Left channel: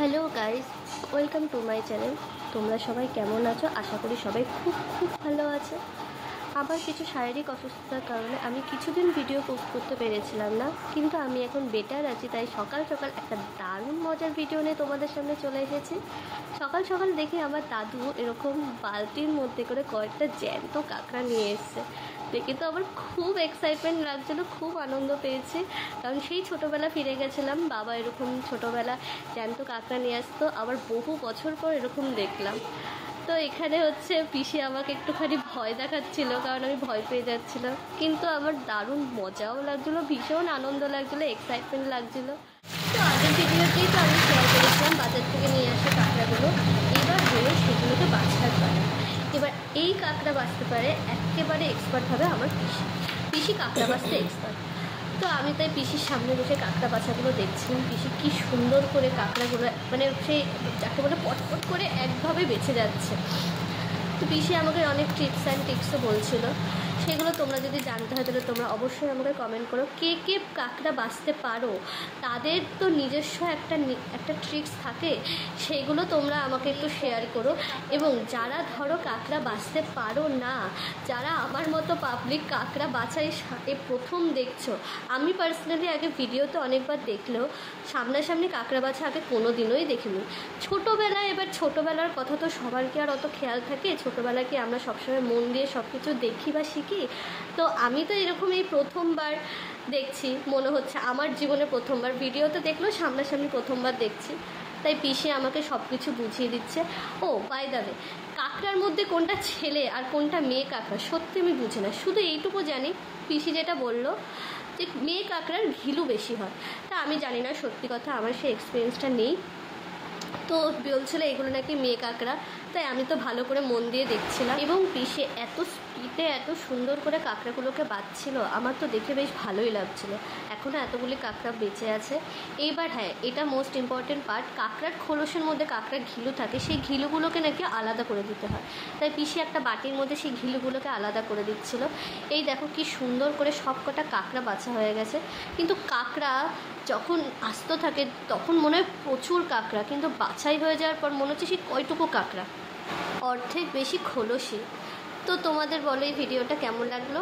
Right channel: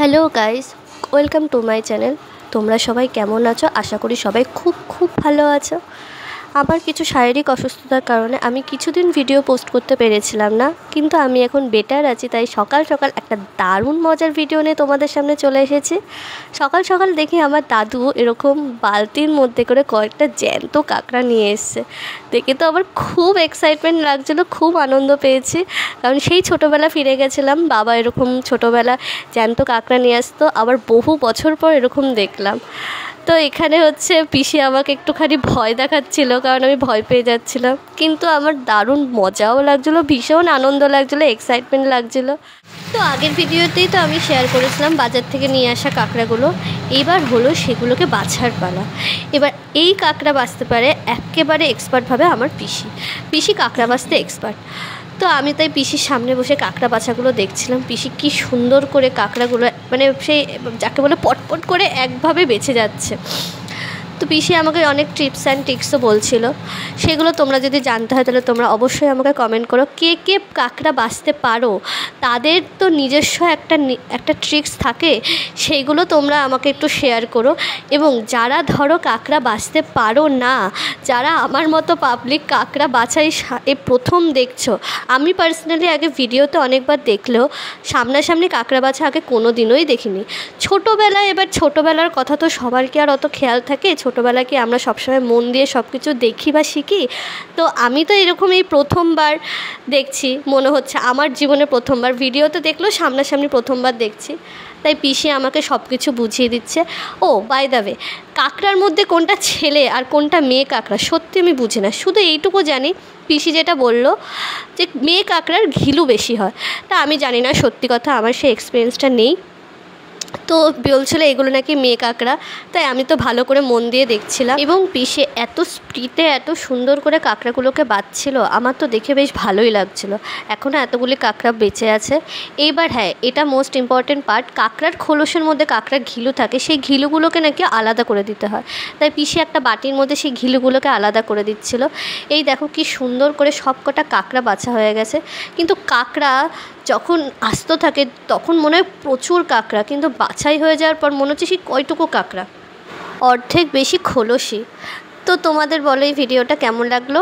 Hello guys, welcome to my channel. তোমরা সবাই কেমন আছো? আশা করি সবাই খুব খুব ভালো আছো। আমার কিছু শারীরিক অসুস্থতার কারণে আমি কিছুদিন ভিডিও পোস্ট করতে পেরেছিলাম না, কিন্তু আমি এখন বেটার আছি। তাই সকাল সকাল একটা দারুণ মজার ভিডিও নিয়ে তোমাদের সামনে চলে এসেছি। সকাল সকাল দেখি আমার দাদু এরকম বালতির মধ্যে করে কয়েকটা জ্যান্ত কাঁকড়া নিয়ে এসছে। দেখে তো আমার খুব এক্সাইটমেন্ট লাগছিলো, খুব আনন্দ পেয়েছি। কারণ সেই ছোটোবেলা ফিরে গেছিলাম, বাবা এরকম ছোটোবেলা জ্যান্ত কাঁকড়া নিয়ে আসতো, আবার বহু বছর পর এরকম দেখলাম। তো এখানে হচ্ছে পিসি আমাকে একটুখানি ভয় দেখাচ্ছিল, কারণ আমি ভয় পেয়ে যাচ্ছিলাম, কিন্তু আমার দারুণ মজাও লাগছিলো, ভীষণ আনন্দ লাগছিলো, এক্সাইটমেন্ট লাগছিলো। তো আগের ভিডিওতেই তো আমি শেয়ার করেছিলাম বাজার থেকে নিয়ে আসা কাঁকড়াগুলো। এবার হলো সেগুলোকে বাছার পালা। এবার এই কাঁকড়া বাছতে পারে একেবারে এক্সপার্টভাবে আমার পিসি কাঁকড়া বাছতে এক্সপার্ট। তো আমি তাই পিসির সামনে বসে কাঁকড়া বাছাগুলো দেখছিলাম। পিসি কী সুন্দর করে কাঁকড়াগুলো মানে সেই যাকে বলে পটপট করে একভাবে বেছে যাচ্ছে। তো পিসি আমাকে অনেক টিপস অ্যান্ড ট্রিক্সও বলছিল, সেগুলো তোমরা যদি জানতে হয় তাহলে তোমরা অবশ্যই আমাকে কমেন্ট করো। কে কে কাঁকড়া বাছতে পারো, তাদের তো নিজস্ব একটা ট্রিক্স থাকে, সেইগুলো তোমরা আমাকে একটু শেয়ার করো। এবং যারা ধরো কাঁকড়া বাছতে পারো না, যারা আমার মতো পাবলিক কাঁকড়া বাছাই এ প্রথম দেখছো, আমি পার্সোনালি আগে ভিডিওতে অনেকবার দেখলেও সামনাসামনি কাঁকড়া বাছা আগে কোনো দিনই দেখিনি। ছোটোবেলায়, এবার ছোটোবেলার কথা তো সবার কি আর অত খেয়াল থাকে? ছোটোবেলায় কি আমরা সবসময় মন দিয়ে সব কিছু দেখি বা শিখি? তো আমি তো এরকম এই প্রথমবার দেখছি, মনে হচ্ছে আমার জীবনে প্রথমবার, ভিডিওতে দেখলেও সামনাসামনি প্রথমবার দেখছি। তাই পিসি আমাকে সব কিছু বুঝিয়ে দিচ্ছে। ও বাই দ্য ওয়ে, কাঁকড়ার মধ্যে কোনটা ছেলে আর কোনটা মেয়ে কাঁকড়া সত্যি আমি বুঝি না। শুধু এইটুকু জানি, পিসি যেটা বললো যে মেয়ে কাঁকড়ার ঘিলু বেশি হয়। তা আমি জানি না, সত্যি কথা আমার সেই এক্সপিরিয়েন্সটা নেই। তো বলছিল এগুলো নাকি মেয়ে কাঁকড়া, তাই আমি তো ভালো করে মন দিয়ে দেখছিলাম। এবং পিসে এত স্পিডে এত সুন্দর করে কাঁকড়াগুলোকে বাছছিল, আমার তো দেখে বেশ ভালোই লাগছিল। এখনও এতগুলি কাঁকড়া বেঁচে আছে। এইবার হ্যাঁ, এটা মোস্ট ইম্পর্টেন্ট পার্ট, কাঁকড়ার খোলসের মধ্যে কাঁকড়ার ঘিলু থাকে, সেই ঘিলুগুলোকে নাকি আলাদা করে দিতে হয়। তাই পিসে একটা বাটির মধ্যে সেই ঘিলুগুলোকে আলাদা করে দিচ্ছিল। এই দেখো কি সুন্দর করে সব কটা কাঁকড়া বাছা হয়ে গেছে। কিন্তু কাঁকড়া যখন আস্ত থাকে তখন মনে হয় প্রচুর কাঁকড়া, কিন্তু বাছাই হয়ে যাওয়ার পর মনে হচ্ছে সেই কয়টুকু কাঁকড়া, অর্ধেক বেশি খোলসই। তো তোমাদের বলো এই ভিডিওটা কেমন লাগলো?